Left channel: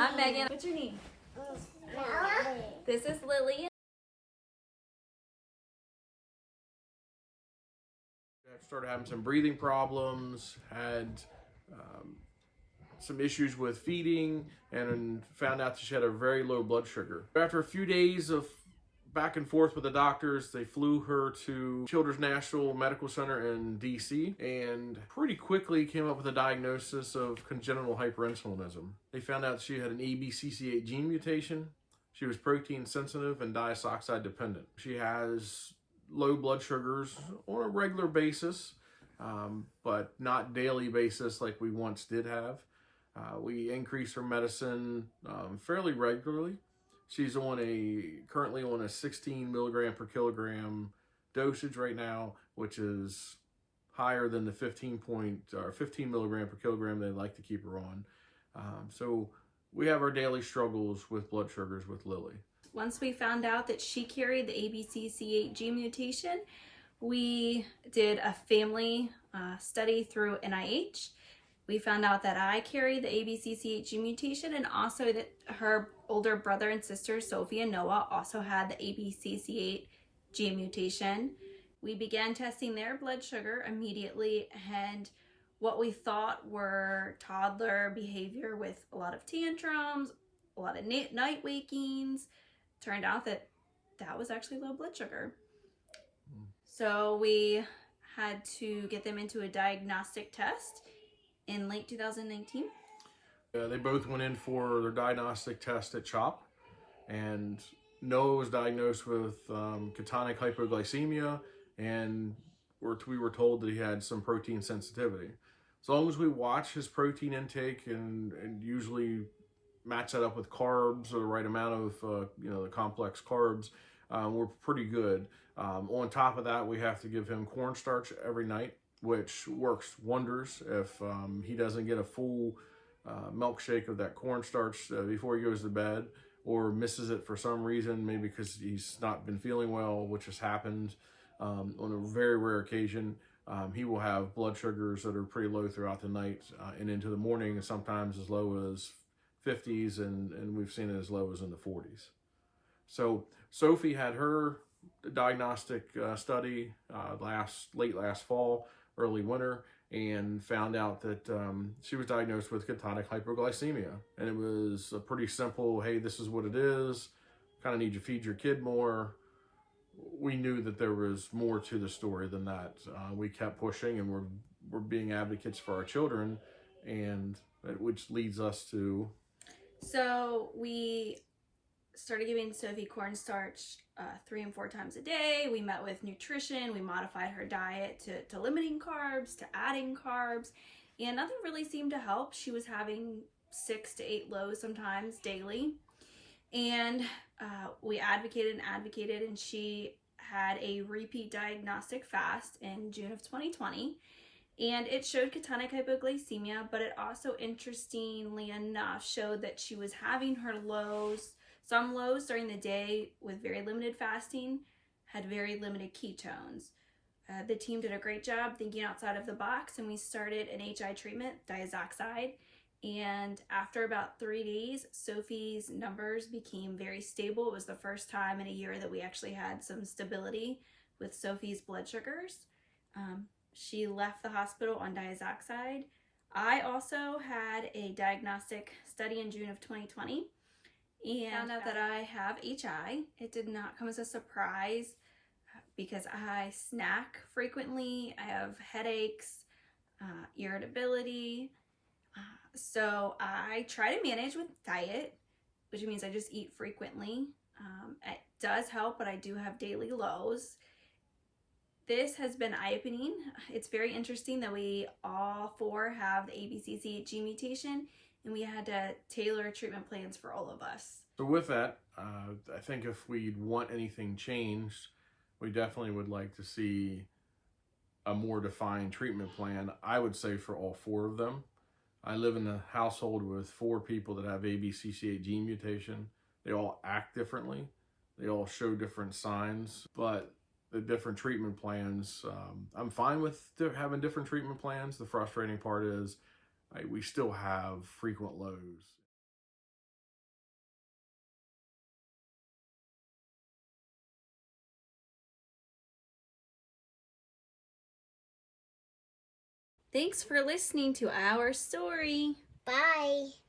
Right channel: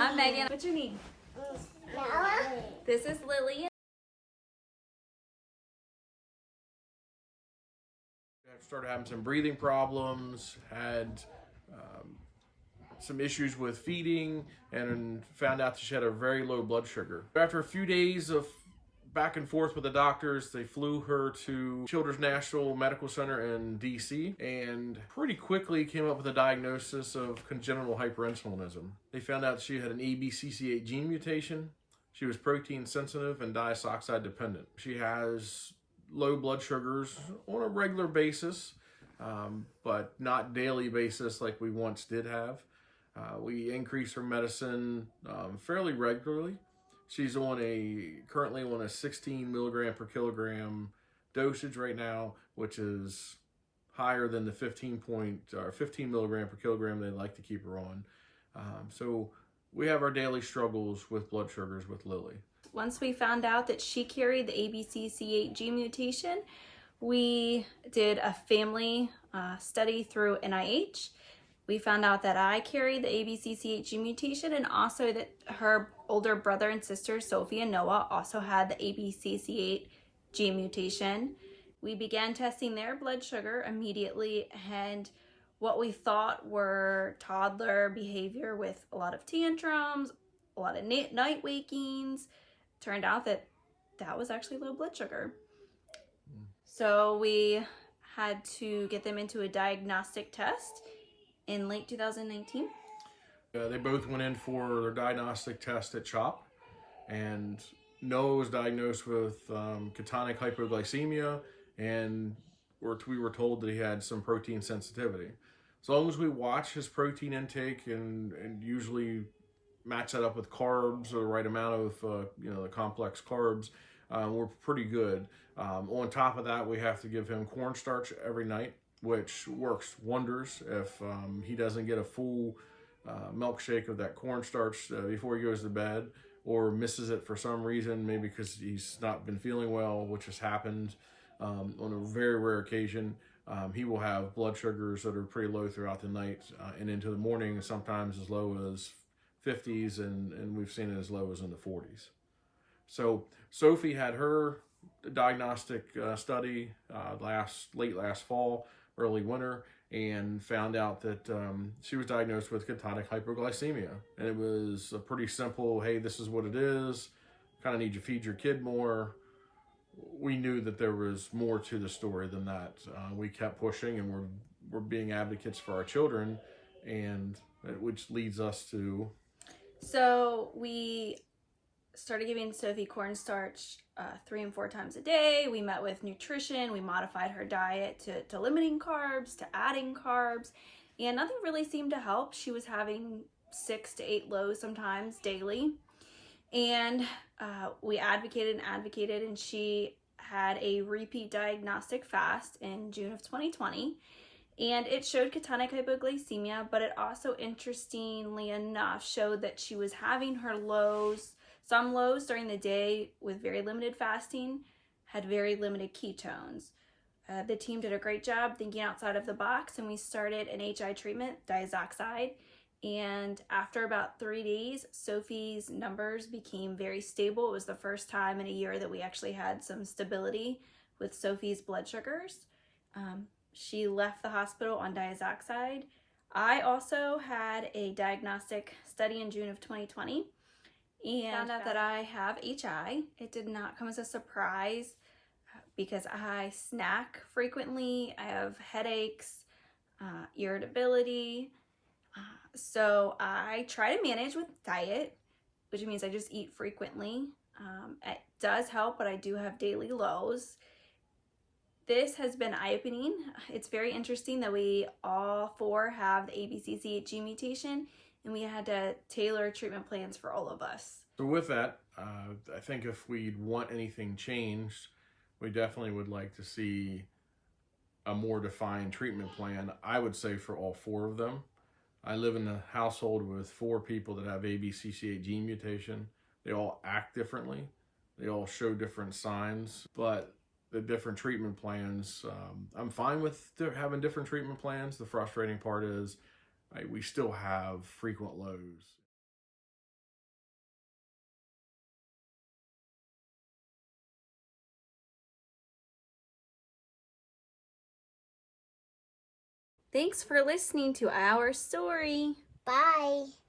I'm Megan. What's your name? This is Lily. I started having some breathing problems, had some issues with feeding, and found out that she had a very low blood sugar. After a few days of back and forth with the doctors, they flew her to Children's National Medical Center in DC and pretty quickly came up with a diagnosis of congenital hyperinsulinism. They found out she had an ABCC8 gene mutation. She was protein sensitive and diazoxide dependent. She has low blood sugars on a regular basis, but not daily basis like we once did have. We increase her medicine fairly regularly. She's currently on a 16 milligram per kilogram dosage right now, which is higher than the 15 milligram per kilogram they like to keep her on. So we have our daily struggles with blood sugars with Lily. Once we found out that she carried the ABCC8 gene mutation, we did a family study through NIH. We found out that I carried the ABCC8 gene mutation and also that her older brother and sister, Sophie and Noah, also had the ABCC8 gene mutation. We began testing their blood sugar immediately, and what we thought were toddler behavior with a lot of tantrums, a lot of night wakings, turned out that that was actually low blood sugar. So we had to get them into a diagnostic test in late 2019. They both went in for their diagnostic test at CHOP, and Noah was diagnosed with ketonic hypoglycemia, and we were told that he had some protein sensitivity. As long as we watch his protein intake and usually match that up with carbs or the right amount of the complex carbs, we're pretty good. On top of that, we have to give him cornstarch every night, which works wonders if he doesn't get a full milkshake of that cornstarch before he goes to bed, or misses it for some reason, maybe because he's not been feeling well, which has happened on a very rare occasion. He will have blood sugars that are pretty low throughout the night and into the morning, and sometimes as low as 50s, and we've seen it as low as in the 40s. So Sophie had her diagnostic study late last fall, early winter, and found out that she was diagnosed with ketonic hypoglycemia. And it was a pretty simple, hey, this is what it is, kind of need to feed your kid more. We knew that there was more to the story than that. We kept pushing, and we're being advocates for our children, and which leads us to... So we started giving Sophie cornstarch 3 and 4 times a day. We met with nutrition. We modified her diet to limiting carbs, to adding carbs, and nothing really seemed to help. She was having 6 to 8 lows sometimes daily. And we advocated, and she had a repeat diagnostic fast in June of 2020. And it showed ketonic hypoglycemia, but it also, interestingly enough, showed that she was having her lows, some lows during the day with very limited fasting, had very limited ketones. The team did a great job thinking outside of the box, and we started an HI treatment, diazoxide. And after about 3 days, Sophie's numbers became very stable. It was the first time in a year that we actually had some stability with Sophie's blood sugars. She left the hospital on diazoxide. I also had a diagnostic study in June of 2020 and found out that I have HI. It did not come as a surprise because I snack frequently. I have headaches, irritability. So I try to manage with diet, which means I just eat frequently. It does help, but I do have daily lows. This has been eye-opening. It's very interesting that we all 4 have the ABCC8 gene mutation, and we had to tailor treatment plans for all of us. So with that, I think if we'd want anything changed, we definitely would like to see a more defined treatment plan, I would say, for all 4 of them. I live in a household with 4 people that have ABCC8 gene mutation. They all act differently. They all show different signs, but the different treatment plans, I'm fine with having different treatment plans. The frustrating part is we still have frequent lows. Thanks for listening to our story. Bye.